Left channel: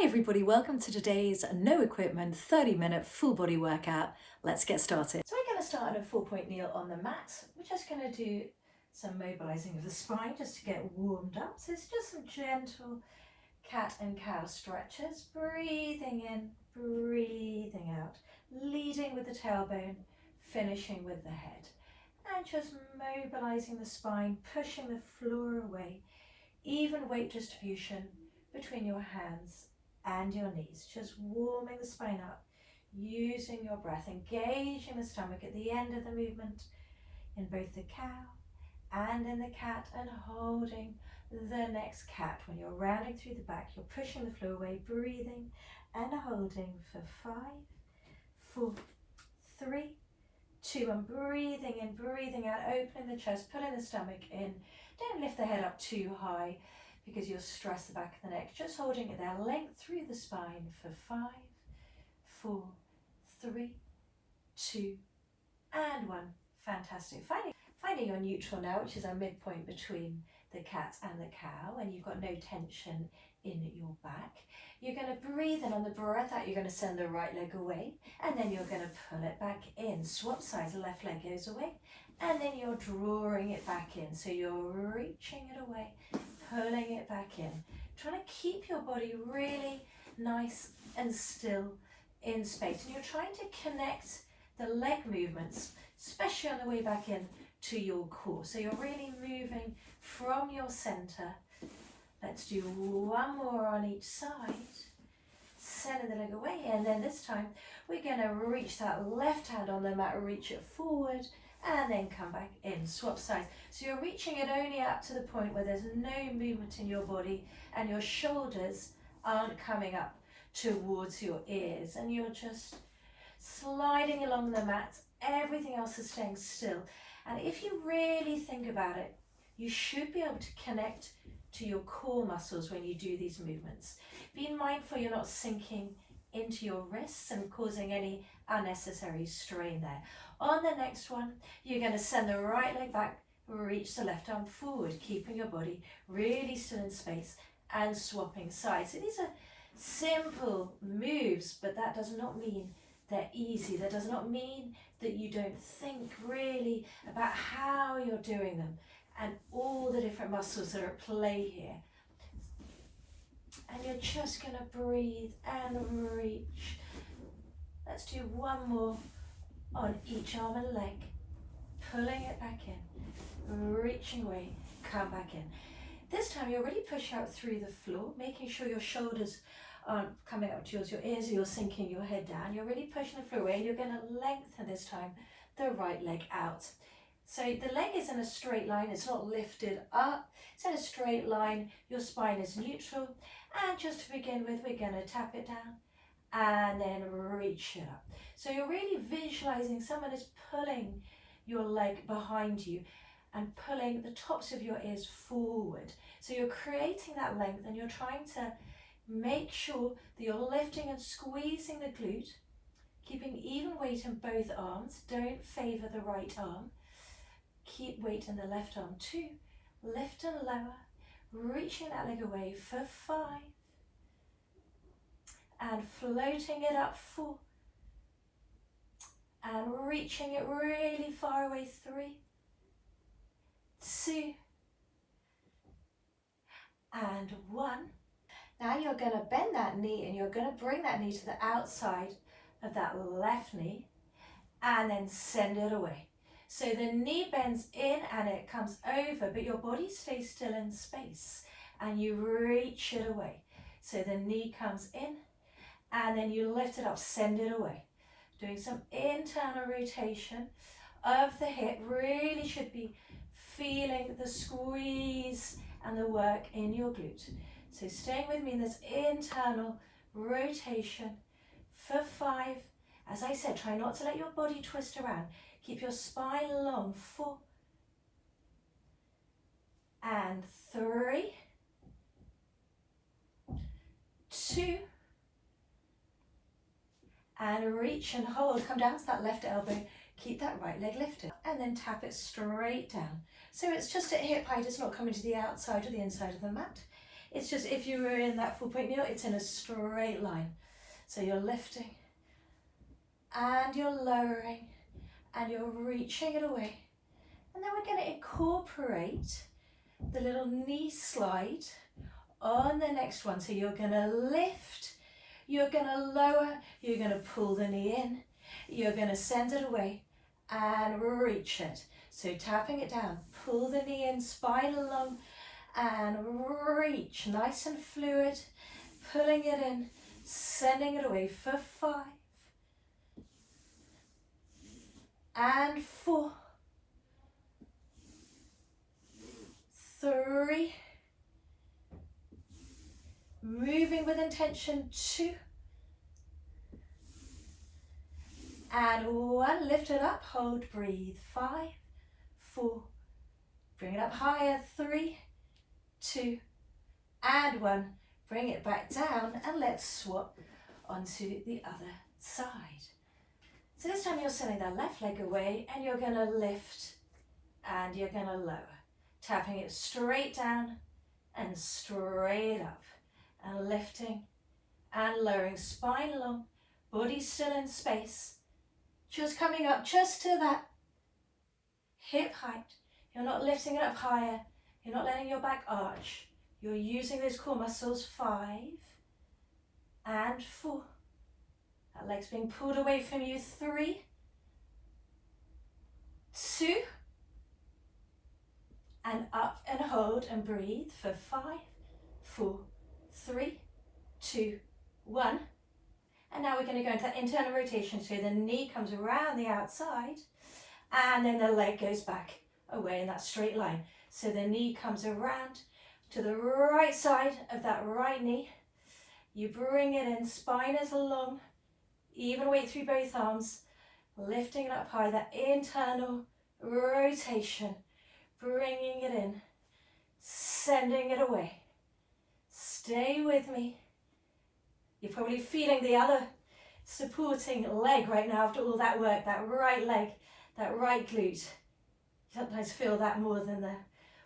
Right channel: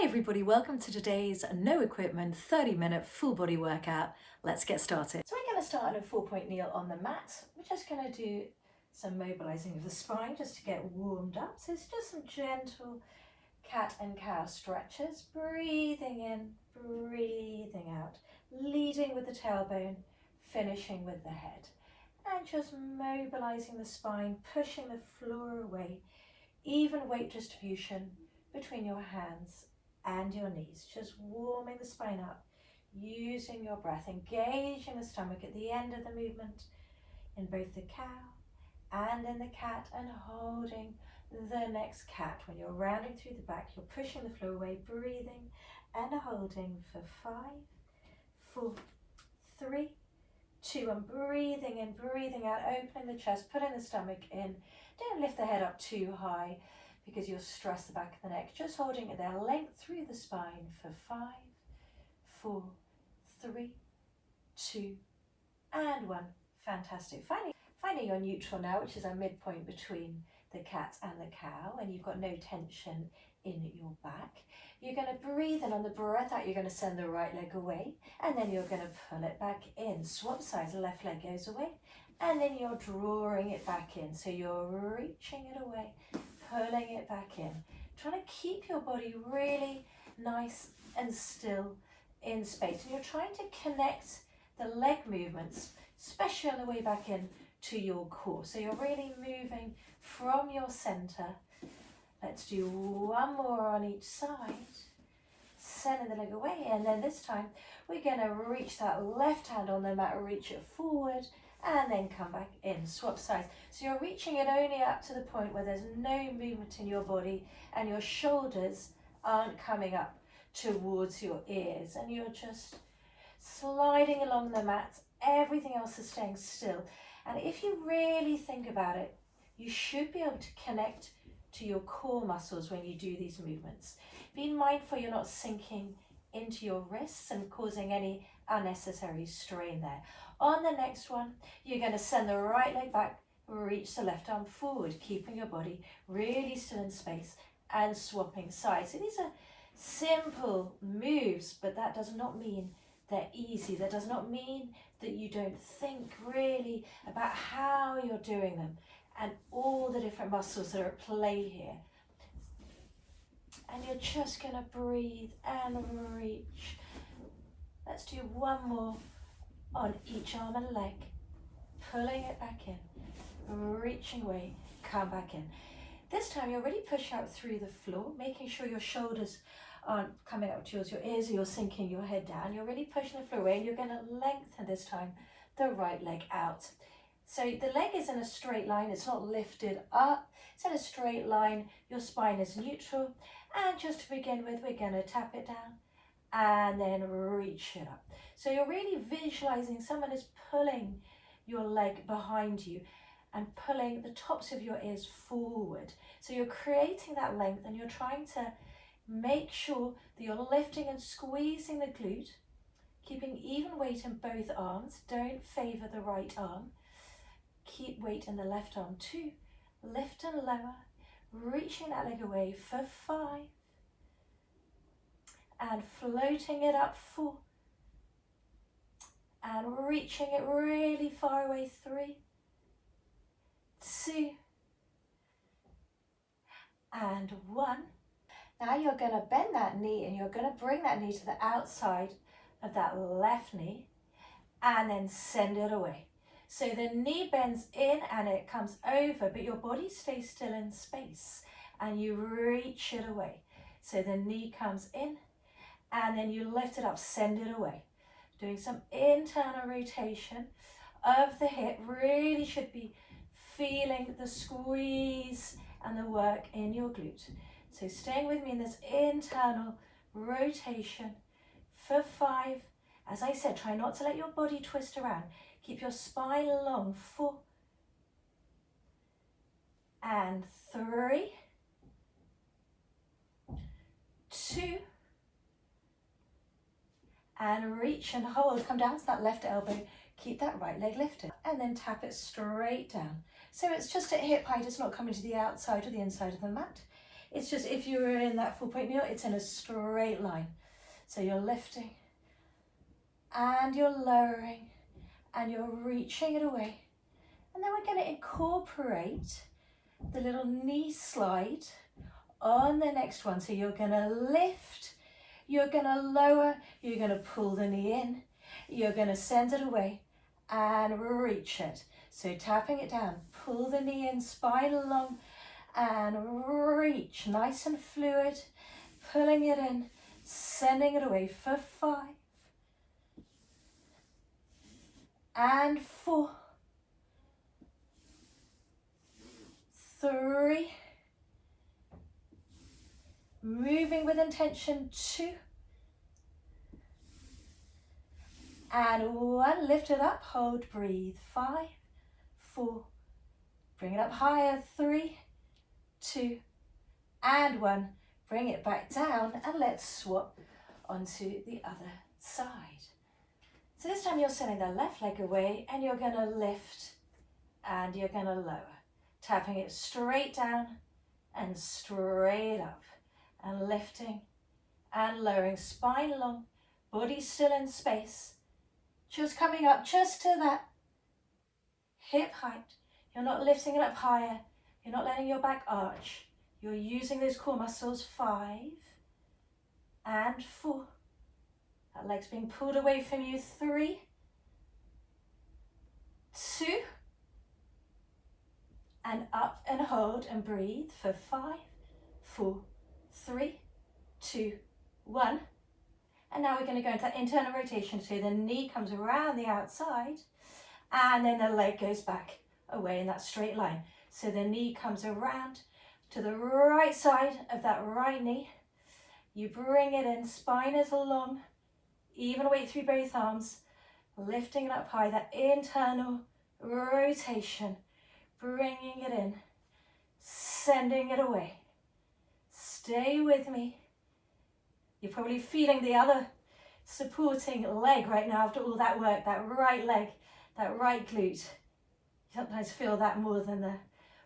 Hi everybody, welcome to today's no equipment 30-minute full body workout. Let's get started. So we're going to start on a 4-point kneel on the mat. We're just going to do some mobilizing of the spine just to get warmed up. So it's just some gentle cat and cow stretches, breathing in, breathing out, leading with the tailbone, finishing with the head. And just mobilizing the spine, pushing the floor away, even weight distribution between your hands and your knees, just warming the spine up, using your breath, engaging the stomach at the end of the movement in both the cow and in the cat, and holding the next cat. When you're rounding through the back, you're pushing the floor away, breathing and holding for 5, 4, 3, 2, and breathing in, breathing out, opening the chest, pulling the stomach in. Don't lift the head up too high because you'll stress the back of the neck. Just holding it there, length through the spine for 5, 4, 3, 2, and 1. Fantastic. Finding your neutral now, which is our midpoint between the cat and the cow, and you've got no tension in your back. You're going to breathe in. On the breath out, you're going to send the right leg away, and then you're going to pull it back in. Swap sides, the left leg goes away, and then you're drawing it back in. So you're reaching it away, pulling it back in, trying to keep your body really nice and still in space. And you're trying to connect the leg movements, especially on the way back in, to your core. So you're really moving from your center. Let's do one more on each side. Sending the leg away, and then this time we're going to reach that left hand on the mat, reach it forward, and then come back in. Swap sides. So you're reaching it only up to the point where there's no movement in your body and your shoulders aren't coming up towards your ears, and you're just sliding along the mat. Everything else is staying still. And if you really think about it, you should be able to connect to your core muscles when you do these movements. Be mindful you're not sinking into your wrists and causing any unnecessary strain there. On the next one, you're going to send the right leg back, reach the left arm forward, keeping your body really still in space and swapping sides. So these are simple moves, but that does not mean they're easy. That does not mean that you don't think really about how you're doing them and all the different muscles that are at play here. And you're just going to breathe and reach. Let's do one more on each arm and leg. Pulling it back in, reaching away, come back in. This time you're really push out through the floor, making sure your shoulders aren't coming up towards your ears or you're sinking your head down. You're really pushing the floor away. You're going to lengthen this time the right leg out. So the leg is in a straight line. It's not lifted up. It's in a straight line. Your spine is neutral. And just to begin with, we're going to tap it down and then reach it up. So you're really visualizing someone is pulling your leg behind you and pulling the tops of your ears forward. So you're creating that length, and you're trying to make sure that you're lifting and squeezing the glute, keeping even weight in both arms. Don't favor the right arm. Keep weight in the left arm too. Lift and lower, reaching that leg away for 5, and floating it up 4, and reaching it really far away 3, 2, and 1. Now you're going to bend that knee, and you're going to bring that knee to the outside of that left knee and then send it away. So the knee bends in and it comes over, but your body stays still in space, and you reach it away. So the knee comes in and then you lift it up, send it away. Doing some internal rotation of the hip. Really should be feeling the squeeze and the work in your glute. So staying with me in this internal rotation for 5. As I said, try not to let your body twist around. Keep your spine long. 4 and 3, 2, and reach and hold. Come down to that left elbow. Keep that right leg lifted, and then tap it straight down. So it's just at hip height. It's not coming to the outside or the inside of the mat. It's just if you were in that 4-point kneel, it's in a straight line. So you're lifting and you're lowering and you're reaching it away. And then we're going to incorporate the little knee slide on the next one. So you're going to lift, you're going to lower, you're going to pull the knee in, you're going to send it away and reach it. So tapping it down, pull the knee in, spine along, and reach, nice and fluid, pulling it in, sending it away for 5 and 4, 3, moving with intention, 2, and 1, lift it up, hold, breathe, 5, 4, bring it up higher, 3, 2, and 1, bring it back down, and let's swap onto the other side. So this time you're sending that left leg away and you're going to lift and you're going to lower, tapping it straight down and straight up, and lifting and lowering, spine long, body still in space, just coming up just to that hip height. You're not lifting it up higher, you're not letting your back arch, you're using those core muscles, 5 and 4. That leg's being pulled away from you, 3, 2, and up and hold and breathe for 5, 4, 3, 2, 1. And now we're going to go into that internal rotation. So the knee comes around the outside and then the leg goes back away in that straight line. So the knee comes around to the right side of that right knee. You bring it in, spine is long, even weight through both arms, lifting it up high, that internal rotation, bringing it in, sending it away. Stay with me. You're probably feeling the other supporting leg right now after all that work, that right leg, that right glute. You sometimes feel that more than the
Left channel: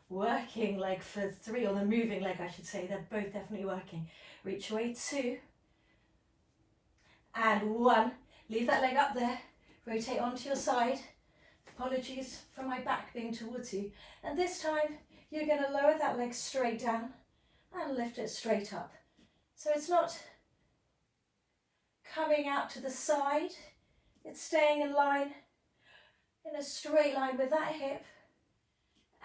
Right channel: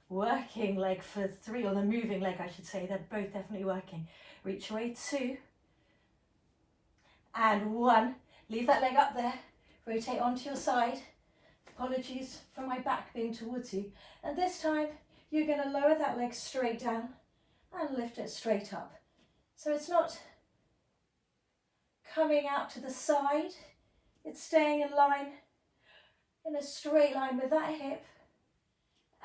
working leg for 3, or the moving leg I should say. They're both definitely working. Reach away, 2 and 1. Leave that leg up there. Rotate onto your side. Apologies for my back being towards you. And this time you're going to lower that leg straight down and lift it straight up. So it's not coming out to the side, it's staying in line, in a straight line with that hip,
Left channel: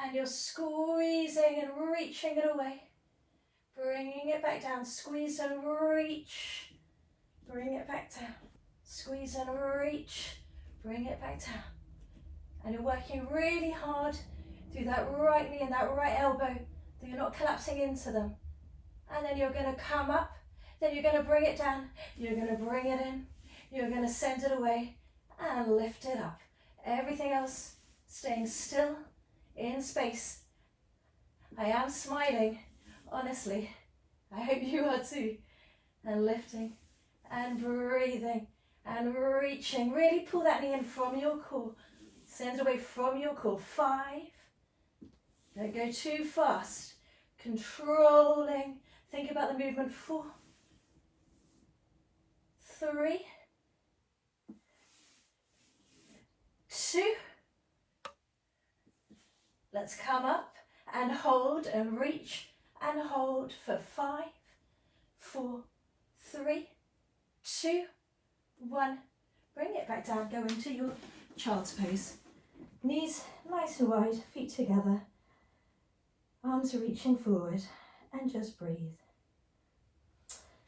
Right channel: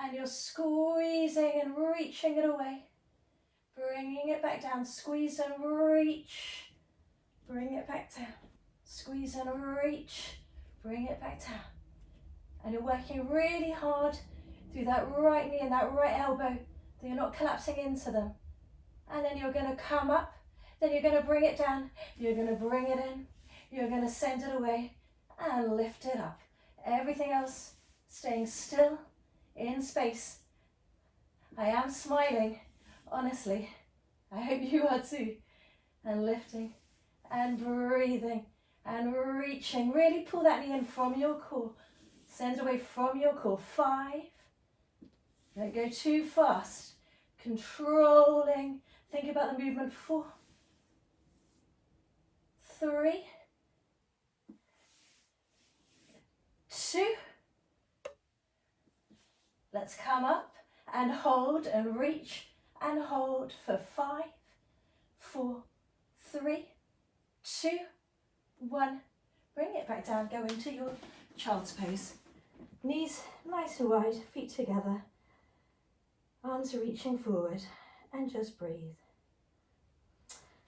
and you're squeezing and reaching it away, bringing it back down, squeeze and reach, bring it back down, squeeze and reach, bring it back down. And you're working really hard through that right knee and that right elbow, that you're not collapsing into them. And then you're going to come up, then you're going to bring it down, you're going to bring it in, you're going to send it away and lift it up. Everything else staying still in space. I am smiling, honestly. I hope you are too. And lifting and breathing and reaching. Really pull that knee in from your core. Send it away from your core. 5. Don't go too fast. Controlling. Think about the movement. 4, 3, 2. Let's come up and hold and reach and hold for 5, 4, 3, 2, 1. Bring it back down. Go into your child's pose. Knees nice and wide, feet together. Arms are reaching forward, and just breathe.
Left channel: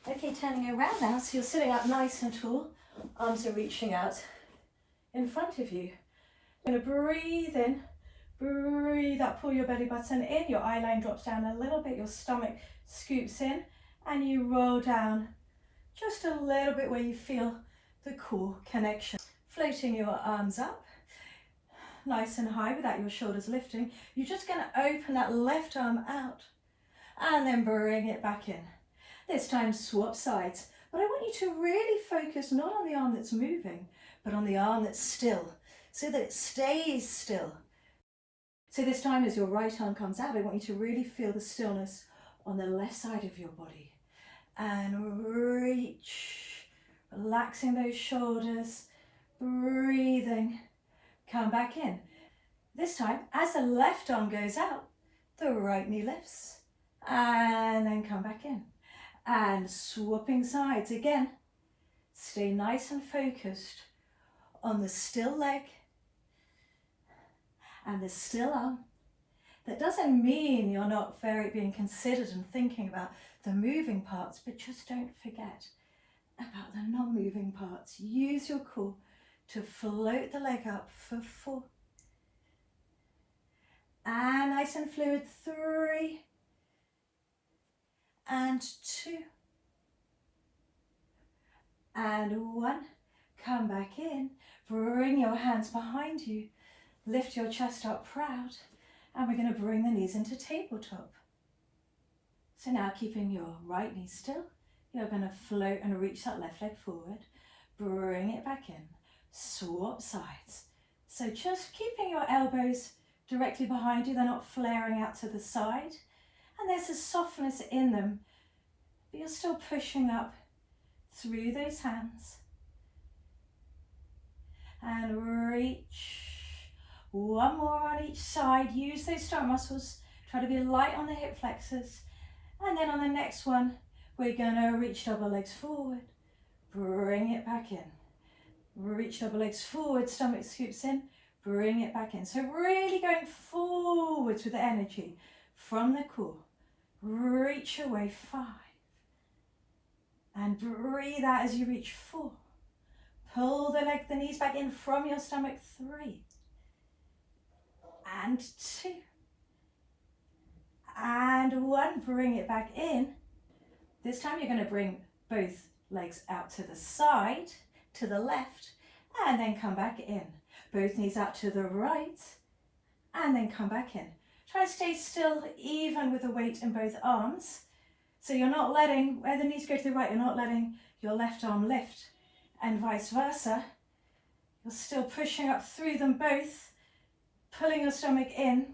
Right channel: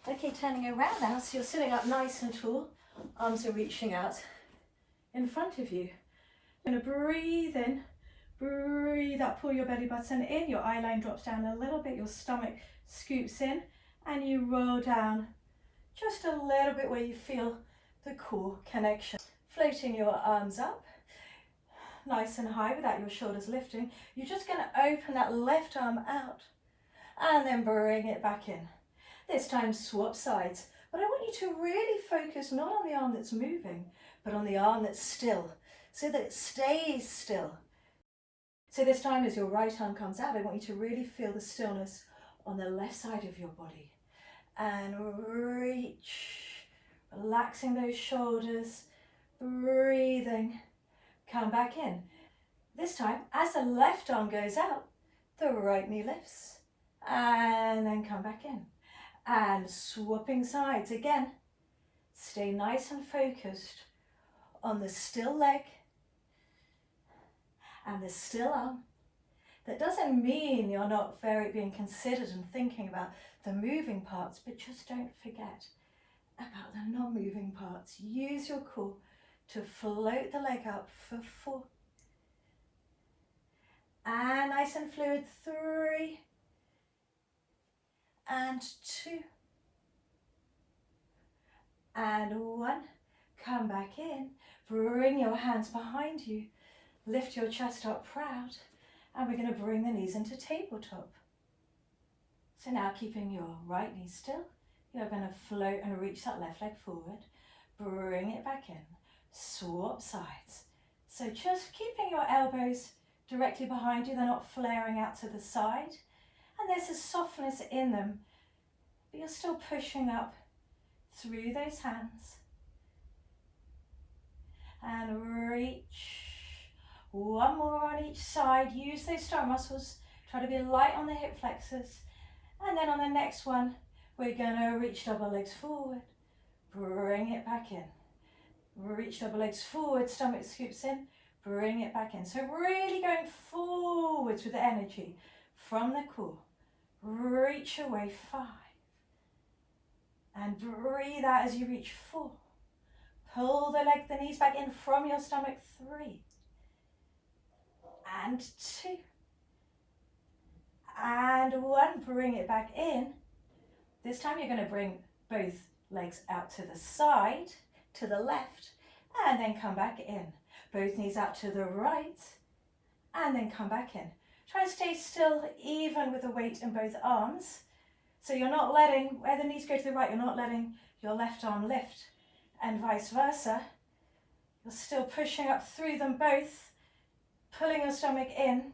Okay, turning around now, so you're sitting up nice and tall. Arms are reaching out in front of you. You're going to breathe in, breathe up, pull your belly button in, your eye line drops down a little bit, your stomach scoops in, and you roll down just a little bit where you feel the core connection. Floating your arms up, nice and high without your shoulders lifting. You're just going to open that left arm out and then bring it back in. This time swap sides, but I want you to really focus not on the arm that's moving, but on the arm that's still, so that it stays still. So this time as your right arm comes out, I want you to really feel the stillness on the left side of your body. And reach, relaxing those shoulders, breathing, come back in. This time, as the left arm goes out, the right knee lifts, and then come back in. And swapping sides again. Stay nice and focused on the still leg and the still arm. That doesn't mean you're not being considered and thinking about the moving parts, but just don't forget about the non-moving parts. Use your core to float the leg up for 4. And nice and fluid, 3 and 2 and 1. Come back in, bring your hands behind you, lift your chest up proud, and we're going to bring the knees into tabletop. So now keeping your right knee still, you're going to float and reach that left leg forward, bring it back in, swap sides. So just keeping your elbows directly behind you, they're not flaring out to the side, and there's a softness in them, but you're still pushing up through those hands. And reach. One more on each side. Use those stomach muscles. Try to be light on the hip flexors. And then on the next one, we're going to reach double legs forward. Bring it back in. Reach double legs forward, stomach scoops in. Bring it back in. So really going forwards with the energy from the core. Reach away, 5. And breathe out as you reach, 4. Pull the knees back in from your stomach, 3. And 2. And 1, bring it back in. This time you're going to bring both legs out to the side, to the left, and then come back in. Both knees out to the right, and then come back in. Try to stay still, even with the weight in both arms. So you're not letting, where the knees go to the right, you're not letting your left arm lift, and vice versa. You're still pushing up through them both, pulling your stomach in,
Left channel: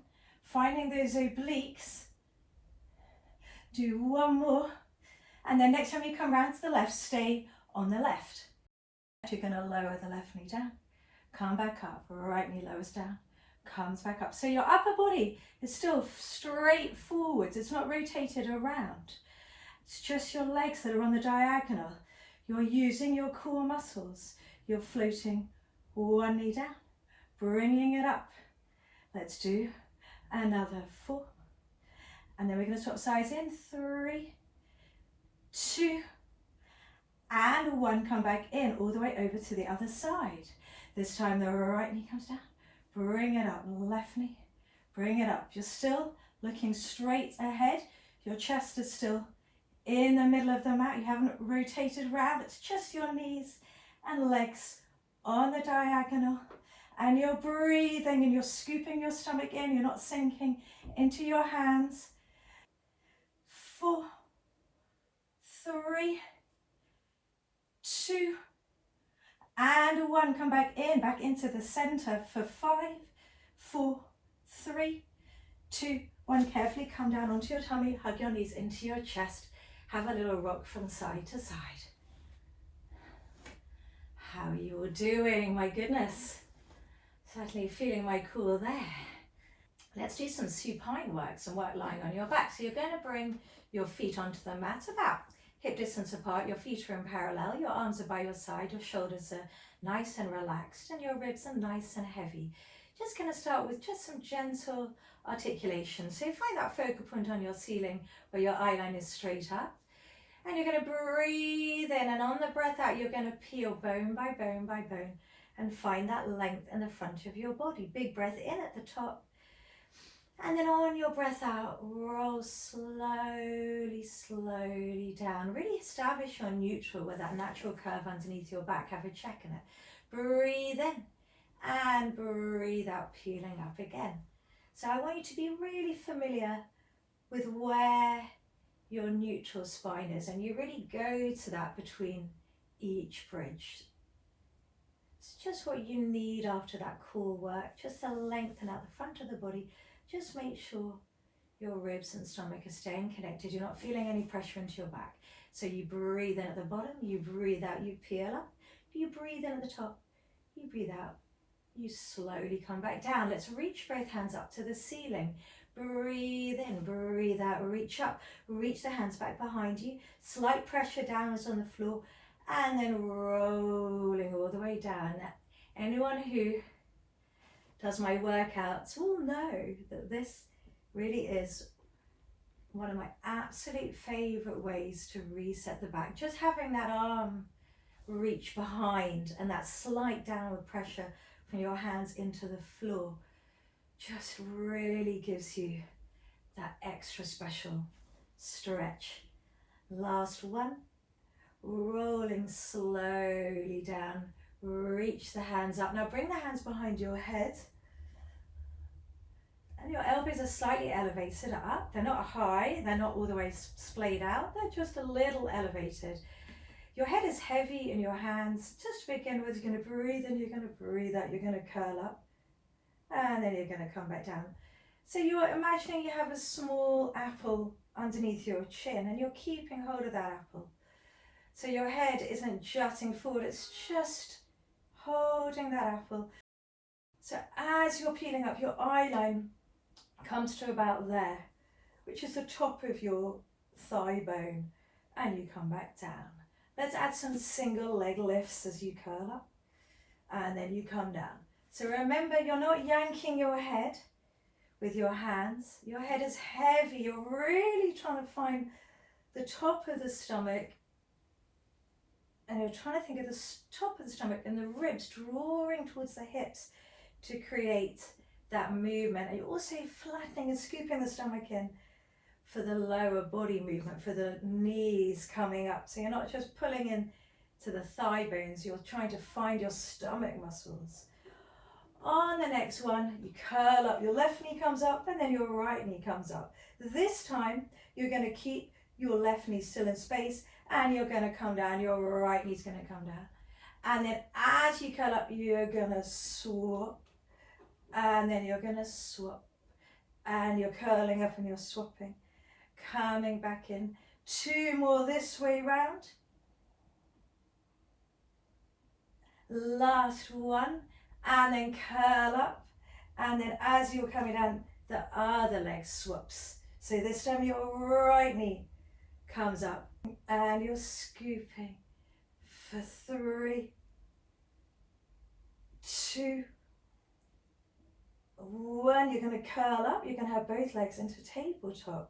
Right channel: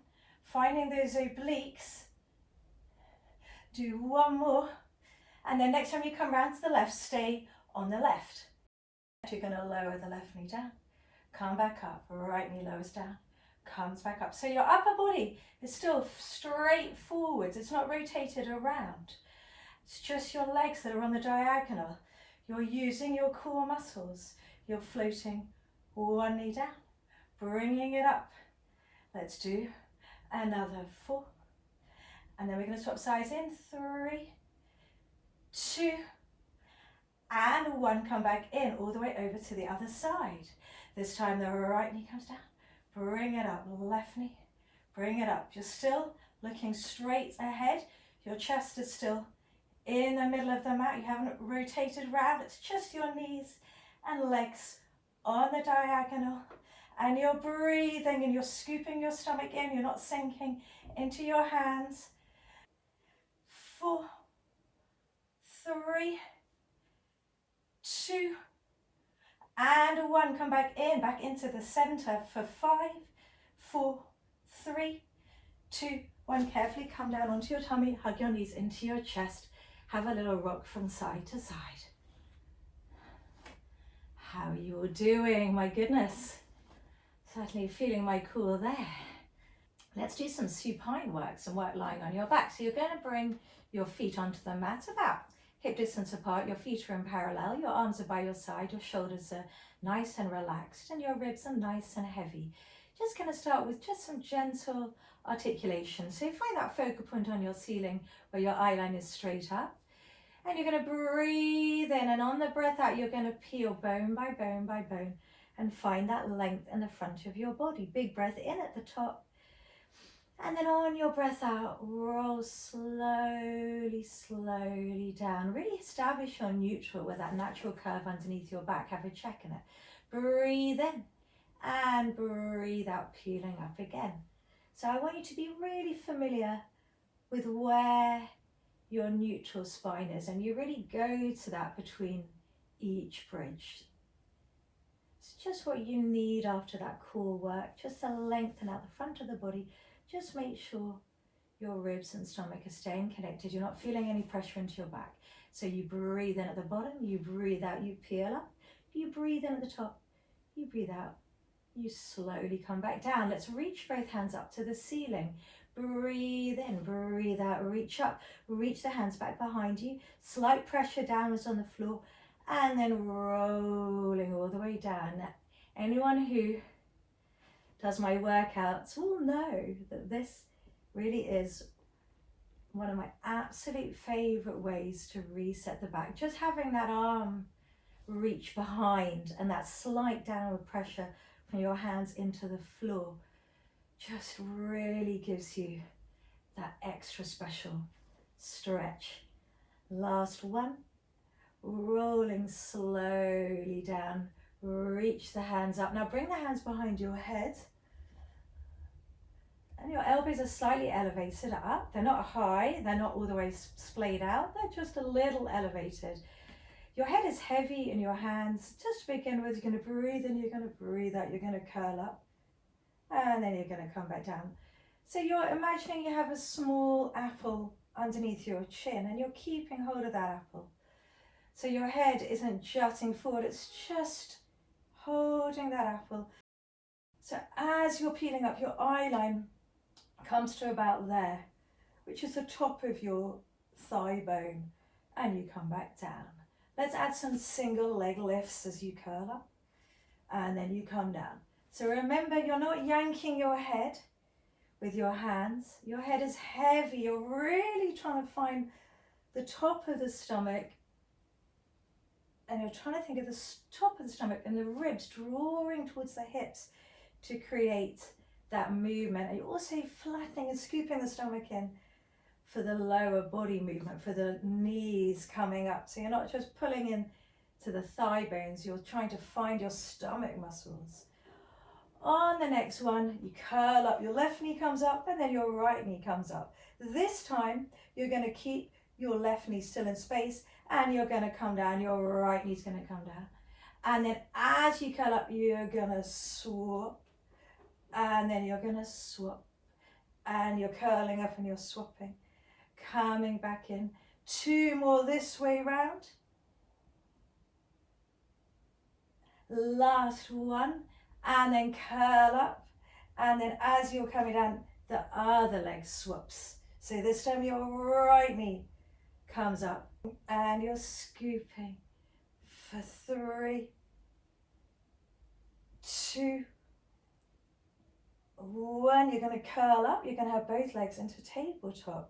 finding those obliques. Do 1 more, and then next time you come round to the left, stay on the left. You're going to lower the left knee down, come back up, right knee lowers down, comes back up. So your upper body is still straight forwards, it's not rotated around. It's just your legs that are on the diagonal. You're using your core muscles. You're floating 1 knee down, bringing it up. Let's do another 4. And then we're going to swap sides in, 3, 2, and 1. Come back in, all the way over to the other side. This time the right knee comes down, bring it up, left knee, bring it up. You're still looking straight ahead. Your chest is still in the middle of the mat. You haven't rotated around. It's just your knees and legs on the diagonal. And you're breathing and you're scooping your stomach in. You're not sinking into your hands. 4, 3, 2, and 1. Come back into the center for 5, 4, 3, 2, 1. Carefully come down onto your tummy, hug your knees into your chest. Have a little rock from side to side. How are you all doing? My goodness. Certainly feeling my core there. Let's do some supine work, some work lying on your back. So you're going to bring your feet onto the mat about hip distance apart. Your feet are in parallel, your arms are by your side, your shoulders are nice and relaxed, and your ribs are nice and heavy. Just going to start with just some gentle articulation. So find that focal point on your ceiling where your eye line is straight up. And you're going to breathe in, and on the breath out, you're going to peel bone by bone by bone and find that length in the front of your body. Big breath in at the top. And then on your breath out, roll slowly, slowly down. Really establish your neutral with that natural curve underneath your back. Have a check in it. Breathe in and breathe out, peeling up again. So I want you to be really familiar with where your neutral spine is, and you really go to that between each bridge. It's just what you need after that core work, just to lengthen out the front of the body. Just make sure your ribs and stomach are staying connected. You're not feeling any pressure into your back. So you breathe in at the bottom, you breathe out, you peel up, you breathe in at the top, you breathe out, you slowly come back down. Let's reach both hands up to the ceiling. Breathe in, breathe out, reach up, reach the hands back behind you, slight pressure downwards on the floor, and then rolling all the way down. Now, anyone who does my workouts will know that this really is one of my absolute favorite ways to reset the back. Just having that arm reach behind and that slight downward pressure from your hands into the floor just really gives you that extra special stretch. Last one, rolling slowly down, reach the hands up. Now bring the hands behind your head and your elbows are slightly elevated up. They're not high, they're not all the way splayed out, they're just a little elevated. Your head is heavy in your hands. Just to begin with, you're going to breathe in, you're going to breathe out, you're going to curl up, and then you're going to come back down. So you're imagining you have a small apple underneath your chin and you're keeping hold of that apple. So your head isn't jutting forward, it's just holding that apple. So as you're peeling up, your eye line comes to about there, which is the top of your thigh bone, and you come back down. Let's add some single leg lifts as you curl up, and then you come down. So remember, you're not yanking your head with your hands. Your head is heavy. You're really trying to find the top of the stomach, and you're trying to think of the top of the stomach and the ribs drawing towards the hips to create that movement. And you're also flattening and scooping the stomach in for the lower body movement, for the knees coming up. So you're not just pulling in to the thigh bones, you're trying to find your stomach muscles. On the next one, you curl up, your left knee comes up and then your right knee comes up. This time, you're going to keep your left knee still in space and you're going to come down, your right knee's going to come down. And then as you curl up, you're going to swap, and then you're going to swap, and you're curling up and you're swapping, coming back in. 2 more this way round. Last one, and then curl up, and then as you're coming down, the other leg swaps. So this time your right knee comes up and you're scooping for 3, 2, 1. You're going to curl up, you're going to have both legs into tabletop.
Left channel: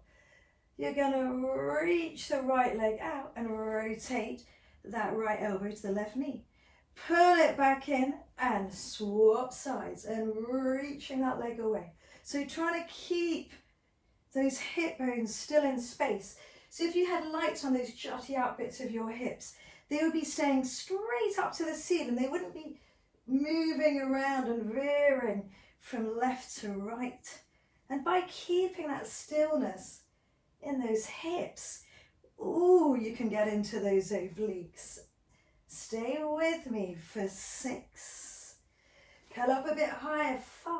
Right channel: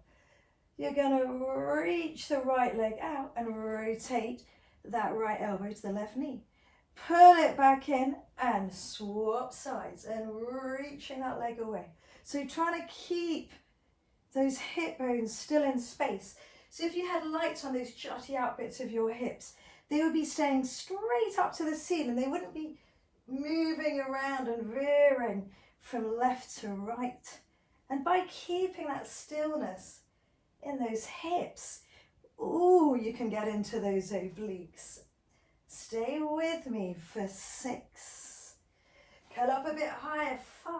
You're going to reach the right leg out and rotate that right elbow to the left knee. Pull it back in and swap sides and reaching that leg away. So you're trying to keep those hip bones still in space. So if you had lights on those jutty out bits of your hips, they would be staying straight up to the ceiling. They wouldn't be moving around and veering from left to right. And by keeping that stillness in those hips, ooh, you can get into those obliques. Stay with me for 6. Curl up a bit higher, 5.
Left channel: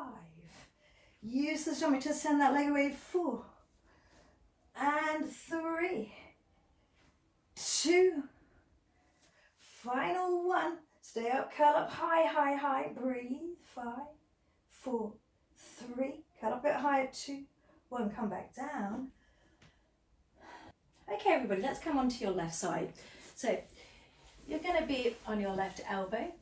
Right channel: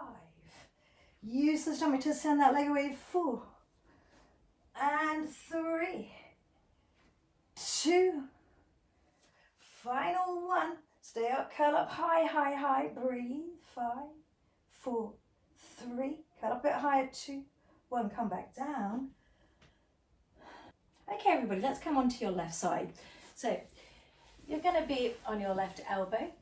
Use the stomach to send that leg away, 4. And 3, 2, final 1. Stay up, curl up high, high, high. Breathe, 5, 4, 3. Curl up a bit higher, 2, 1. Come back down. Okay, everybody, let's come onto your left side. So you're going to be on your left elbow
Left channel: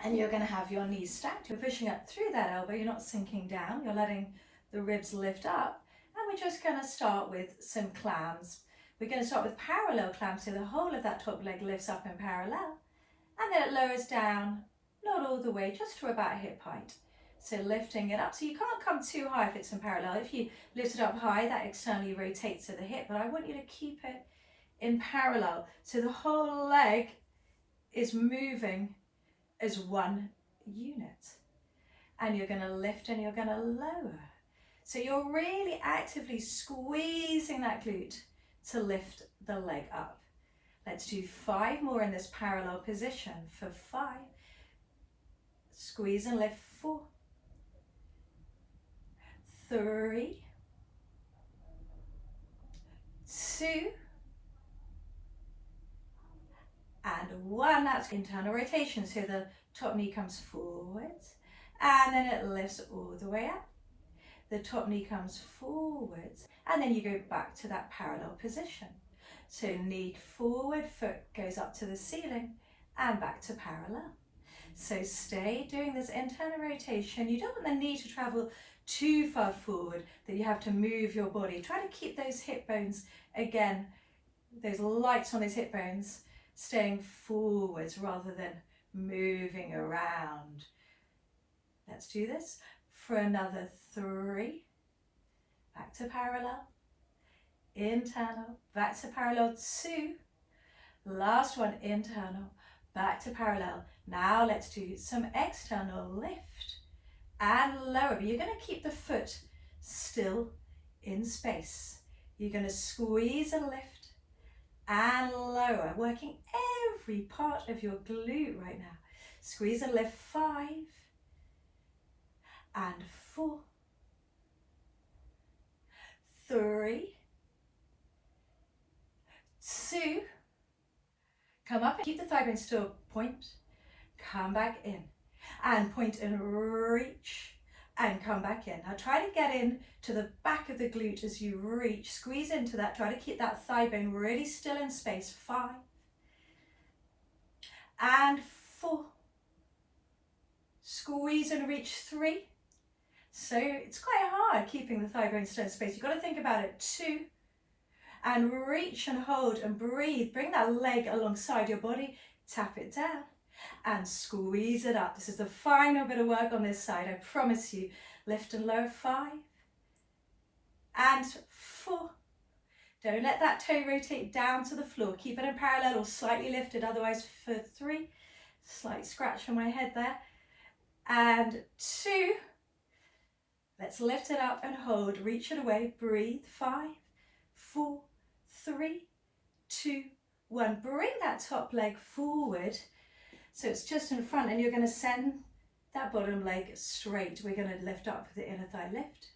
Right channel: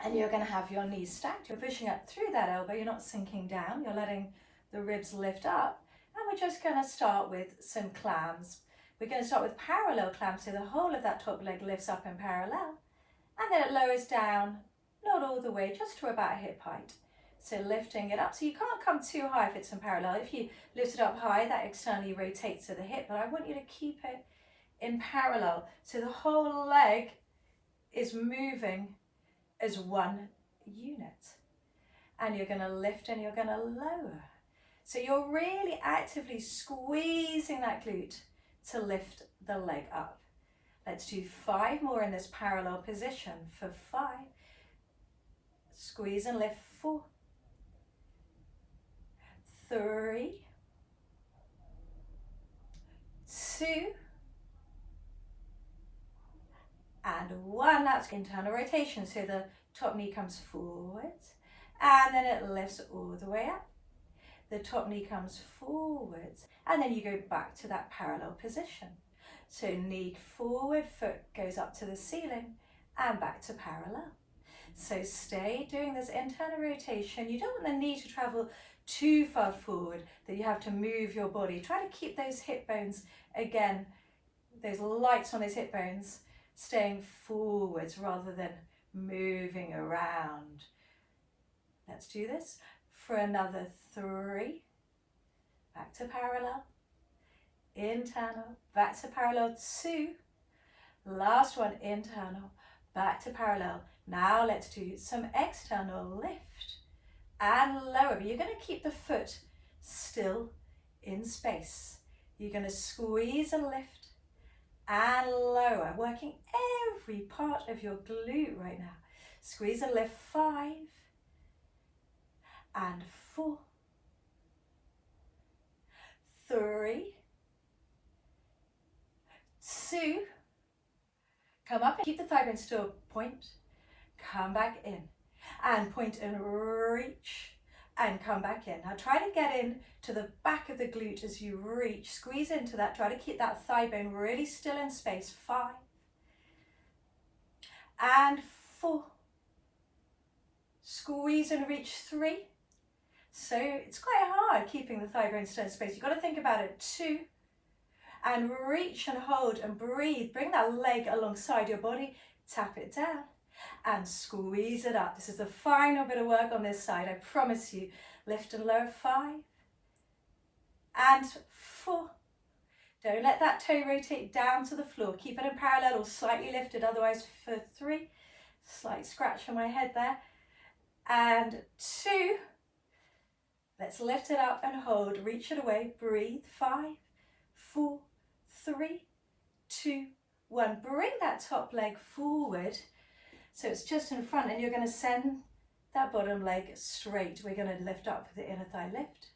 and you're going to have your knees stacked. You're pushing up through that elbow, you're not sinking down, you're letting the ribs lift up. And we're just going to start with some clams. We're going to start with parallel clams, so the whole of that top leg lifts up in parallel. And then it lowers down, not all the way, just to about hip height. So lifting it up. So you can't come too high if it's in parallel. If you lift it up high, that externally rotates to the hip. But I want you to keep it in parallel. So the whole leg is moving as one unit. And you're going to lift and you're going to lower. So you're really actively squeezing that glute to lift the leg up. Let's do 5 more in this parallel position for 5. Squeeze and lift, 4, 3, 2, and 1. That's internal rotation, so the top knee comes forwards, and then it lifts all the way up. The top knee comes forwards, and then you go back to that parallel position. So knee forward, foot goes up to the ceiling, and back to parallel. So stay doing this internal rotation. You don't want the knee to travel too far forward that you have to move your body. Try to keep those hip bones, again, those lights on those hip bones, staying forwards rather than moving around. Let's do this for another 3. Back to parallel. Internal, back to parallel. 2. Last one, internal, back to parallel. Now let's do some external lift and lower, but you're going to keep the foot still in space. You're going to squeeze and lift and lower, working every part of your glute right now. Squeeze and lift. 5 and 4, 3, 2, come up and keep the thigh bone still, point, come back in, and point and reach, and come back in. Now try to get in to the back of the glute as you reach, squeeze into that, try to keep that thigh bone really still in space. 5 and 4, squeeze and reach. 3, so it's quite hard keeping the thigh bone still in space, you've got to think about it. 2, and reach and hold and breathe. Bring that leg alongside your body, tap it down and squeeze it up. This is the final bit of work on this side, I promise you. Lift and lower. 5 and 4. Don't let that toe rotate down to the floor. Keep it in parallel or slightly lifted, otherwise for 3. Slight scratch on my head there. And 2. Let's lift it up and hold. Reach it away. Breathe. 5, 4, 3, 2, 1. Bring that top leg forward so it's just in front, and you're going to send that bottom leg straight. We're going to lift up with the inner thigh lift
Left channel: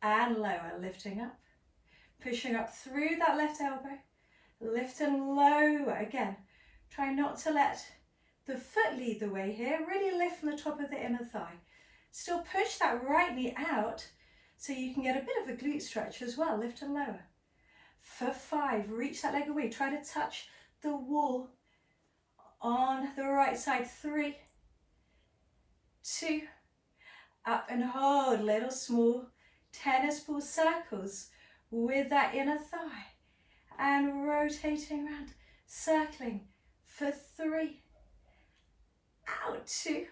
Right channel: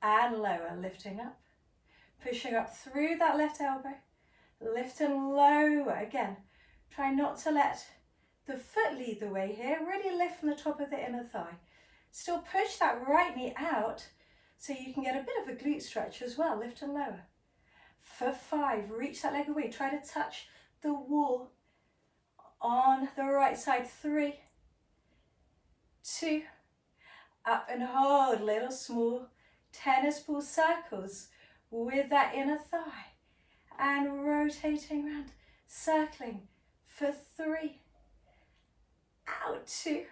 and lower, lifting up, pushing up through that left elbow, lift and lower. Again, try not to let the foot lead the way here. Really lift from the top of the inner thigh. Still push that right knee out so you can get a bit of a glute stretch as well. Lift and lower. For 5, reach that leg away. Try to touch the wall on the right side. 3, 2, up and hold. Little small tennis ball circles with that inner thigh and rotating around, circling for 3, out 2,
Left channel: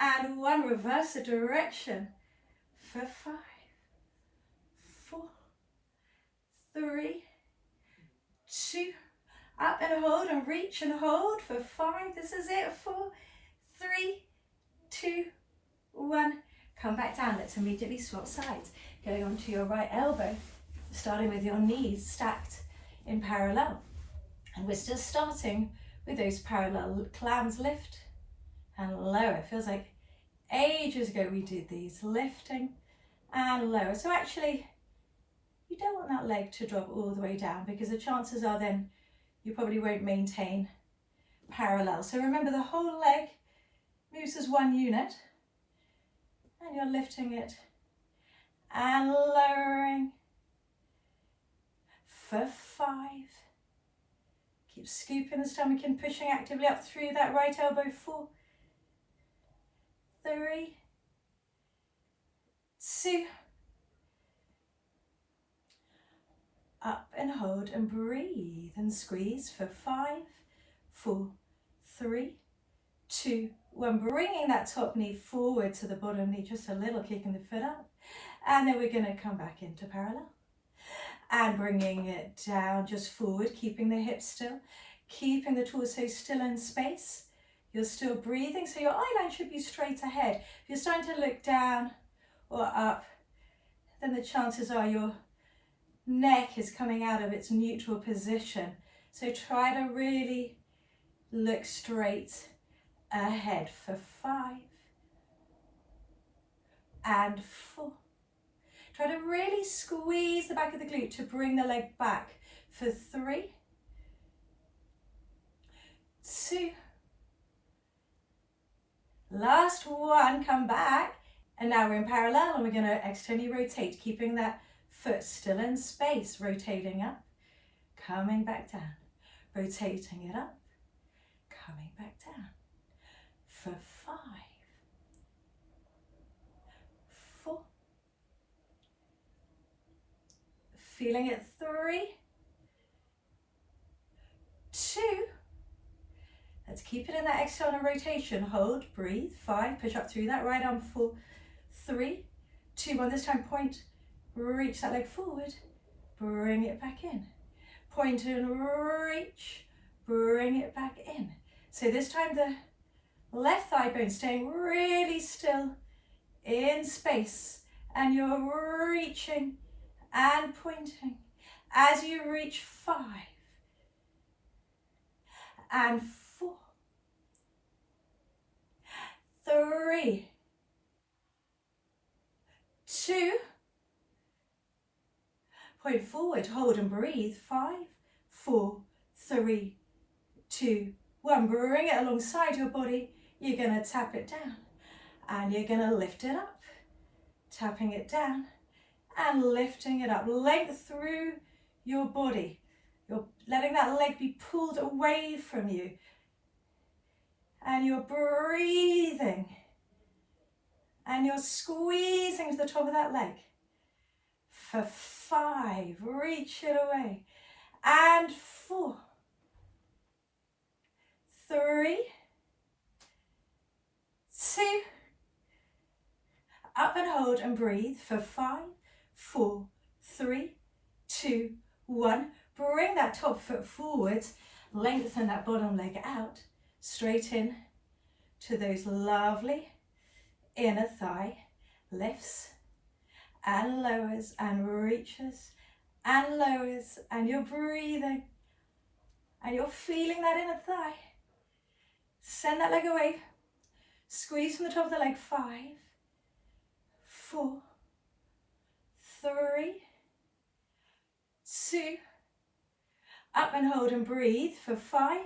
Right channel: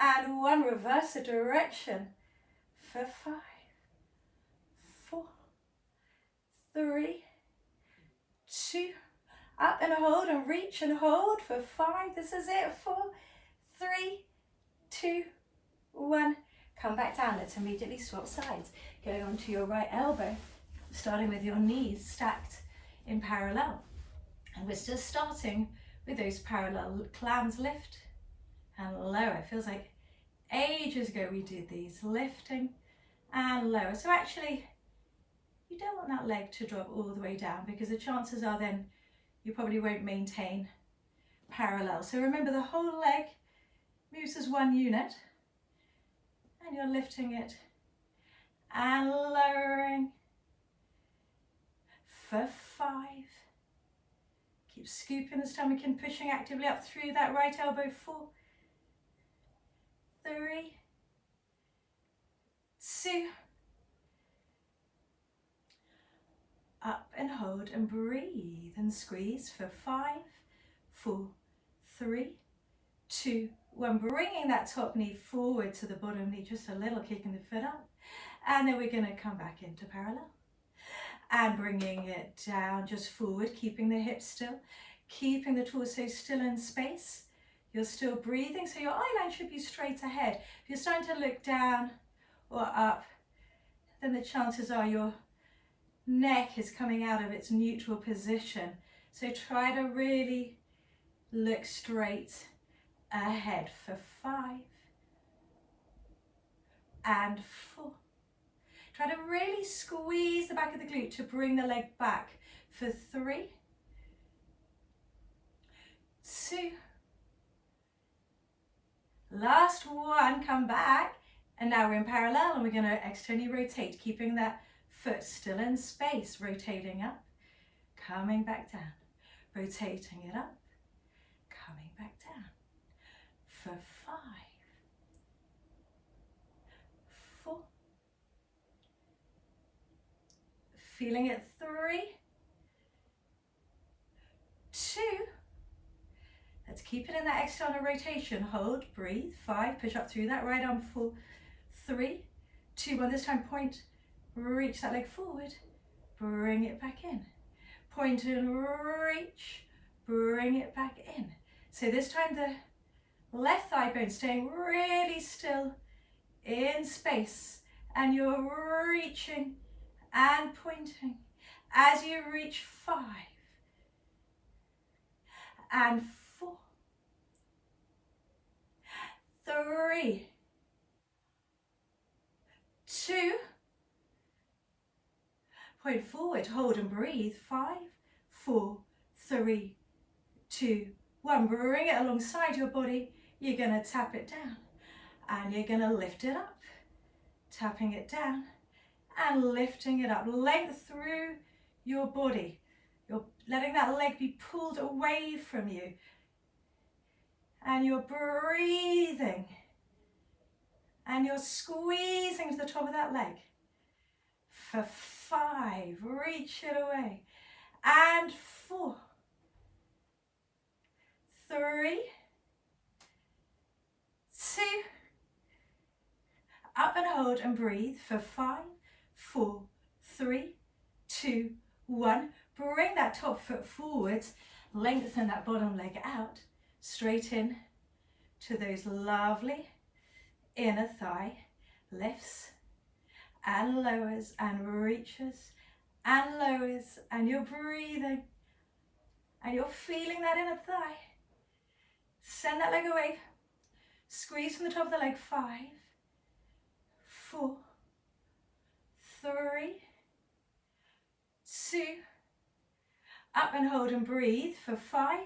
and 1. Reverse the direction for 5, 4, 3, 2, up and hold and reach and hold for 5. This is it. 4, 3, 2, 1. Come back down. Let's immediately swap sides. Going onto your right elbow, starting with your knees stacked in parallel. And we're still starting with those parallel clams. Lift and lower. It feels like ages ago we did these. Lifting and lower. So actually, you don't want that leg to drop all the way down, because the chances are then you probably won't maintain parallel. So remember, the whole leg moves as one unit, and you're lifting it and lowering for 5. Keep scooping the stomach and pushing actively up through that right elbow. 4, 3, 2, up and hold and breathe and squeeze for 5, 4, 3, 2, 1. Bringing that top knee forward to the bottom knee, just a little, kicking the foot up. And then we're going to come back into parallel and bringing it down just forward, keeping the hips still, keeping the torso still in space. You're still breathing, so your eye line should be straight ahead. If you're starting to look down or up, then the chances are your neck is coming out of its neutral position. So try to really look straight ahead for 5 and 4. Try to really squeeze the back of the glute to bring the leg back for 3, 2, last one, come back. And now we're in parallel and we're going to externally rotate, keeping that foot still in space, rotating up, coming back down, rotating it up, coming back down for 5, 4, feeling it, 3, 2, let's keep it in that external rotation, hold, breathe, 5, push up through that right arm, 4, 3, 2, 1, this time point, reach that leg forward, bring it back in, point and reach, bring it back in. So this time the left thigh bone staying really still in space, and you're reaching and pointing as you reach 5 and 4, 3, 2, point forward, hold and breathe, 5, 4, 3, 2, 1, bring it alongside your body, you're going to tap it down and you're going to lift it up, tapping it down and lifting it up, length through your body, you're letting that leg be pulled away from you and you're breathing and you're squeezing to the top of that leg for 5, reach it away, and 4, 3, 2, up and hold and breathe for 5, 4, 3, 2, 1, bring that top foot forwards, lengthen that bottom leg out, straight in to those lovely inner thigh lifts and lowers and reaches and lowers, and you're breathing and you're feeling that inner thigh. Send that leg away, squeeze from the top of the leg, 5, 4, 3, 2, up and hold and breathe for 5,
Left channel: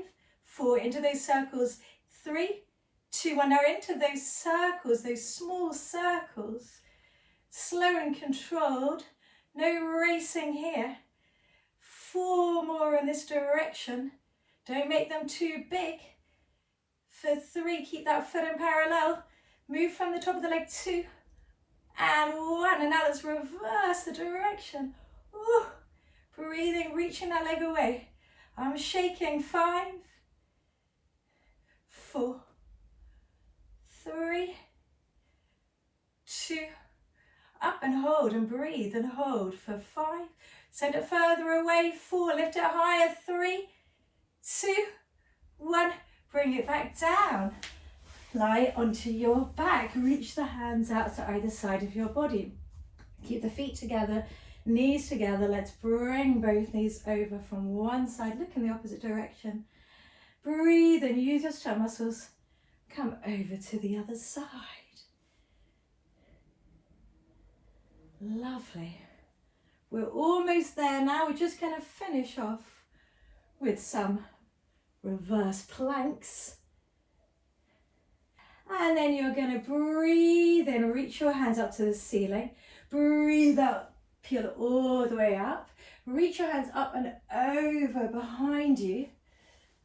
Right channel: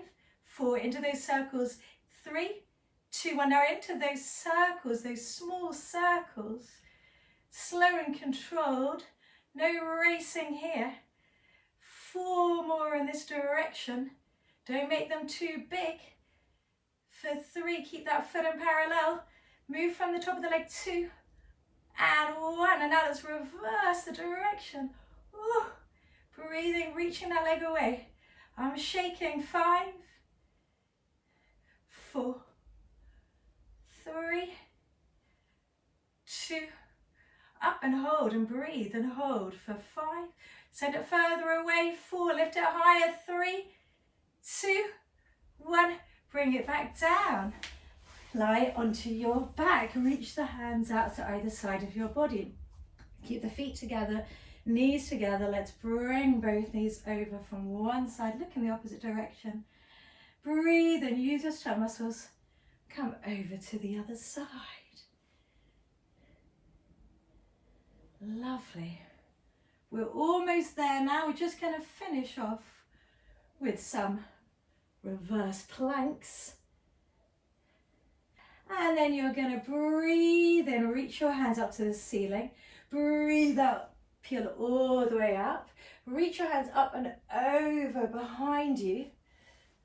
4, into those circles, 3, 2, 1, now into those circles, those small circles, slow and controlled, no racing here, 4 more in this direction, don't make them too big, for 3, keep that foot in parallel, move from the top of the leg, 2, and 1, and now let's reverse the direction, ooh, breathing, reaching that leg away, I'm shaking, 5, 4, 3, 2, up and hold and breathe and hold for 5, send it further away, 4, lift it higher, 3, 2, 1, bring it back down, lie onto your back, reach the hands out to either side of your body, keep the feet together, knees together, let's bring both knees over from one side, look in the opposite direction, breathe and use your stomach muscles, come over to the other side. Lovely. We're almost there now. We're just going to finish off with some reverse planks. And then you're going to breathe in, reach your hands up to the ceiling. Breathe out, peel all the way up. Reach your hands up and over behind you.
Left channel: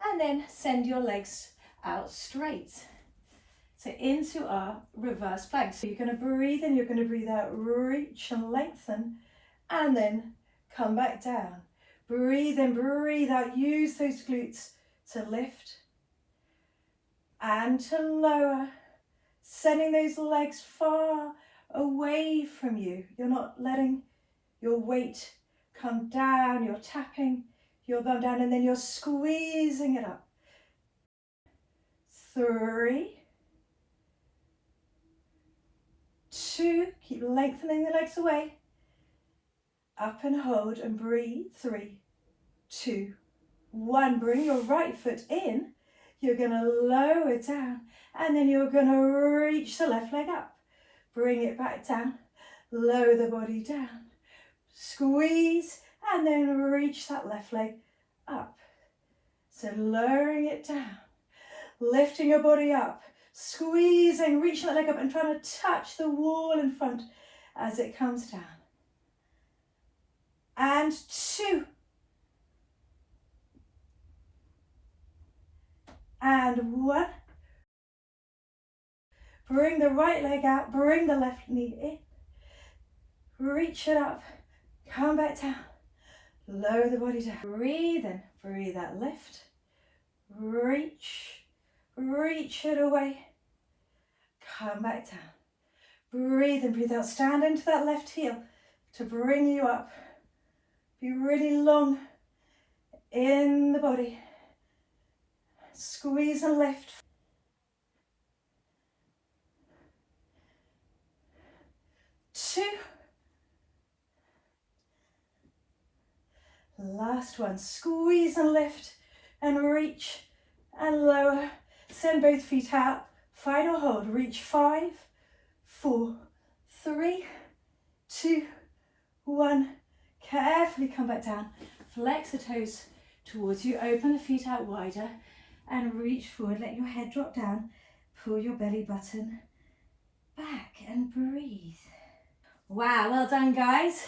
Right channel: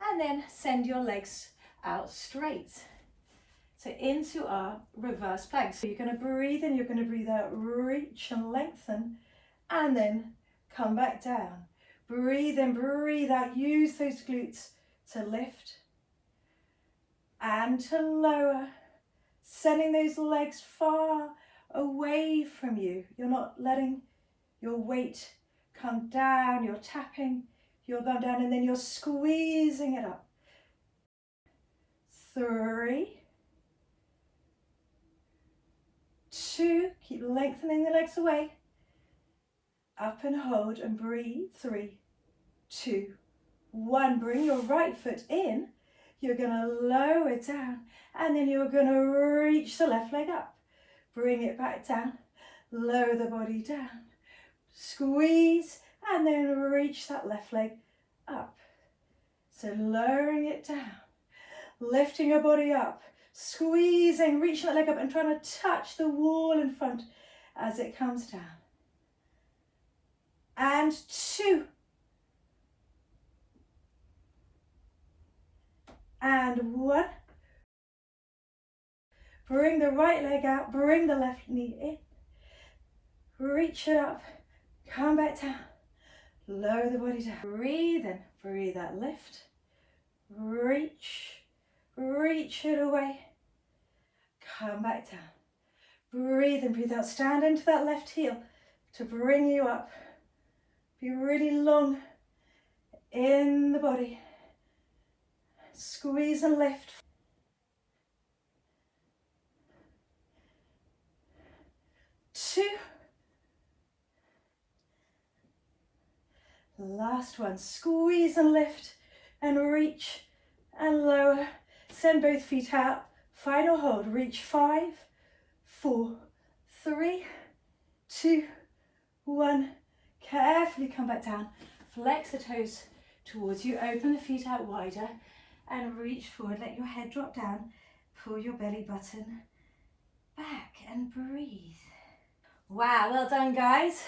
And then send your legs out straight. So into our reverse plank. So you're going to breathe in, you're going to breathe out, reach and lengthen, and then come back down. Breathe in, breathe out, use those glutes to lift and to lower, sending those legs far away from you. You're not letting your weight come down, you're tapping your bum down and then you're squeezing it up. 3, 2, keep lengthening the legs away, up and hold and breathe, 3, 2, 1, bring your right foot in, you're going to lower down and then you're going to reach the left leg up, bring it back down, lower the body down, squeeze, and then reach that left leg up. So lowering it down, lifting your body up, squeezing, reaching that leg up and trying to touch the wall in front as it comes down. And 2. And 1. Bring the right leg out, bring the left knee in. Reach it up, come back down. Lower the body down. Breathe in, breathe out, lift. Reach, reach it away. Come back down. Breathe in, breathe out. Stand into that left heel to bring you up. Be really long in the body. Squeeze and lift. Two. Last one. Squeeze and lift and reach and lower. Send both feet out. Final hold. Reach 5, 4, 3, 2, 1. Carefully come back down. Flex the toes towards you. Open the feet out wider and reach forward. Let your head drop down. Pull your belly button back and breathe. Wow, well done guys.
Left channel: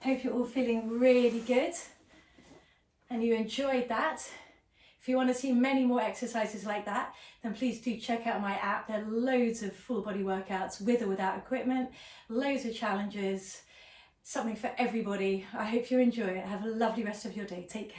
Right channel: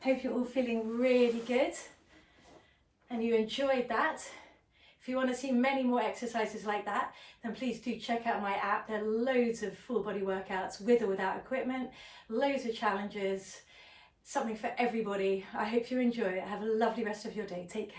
Hope you're all feeling really good and you enjoyed that. If you want to see many more exercises like that, then please do check out my app. There are loads of full body workouts with or without equipment, loads of challenges, something for everybody. I hope you enjoy it. Have a lovely rest of your day. Take care.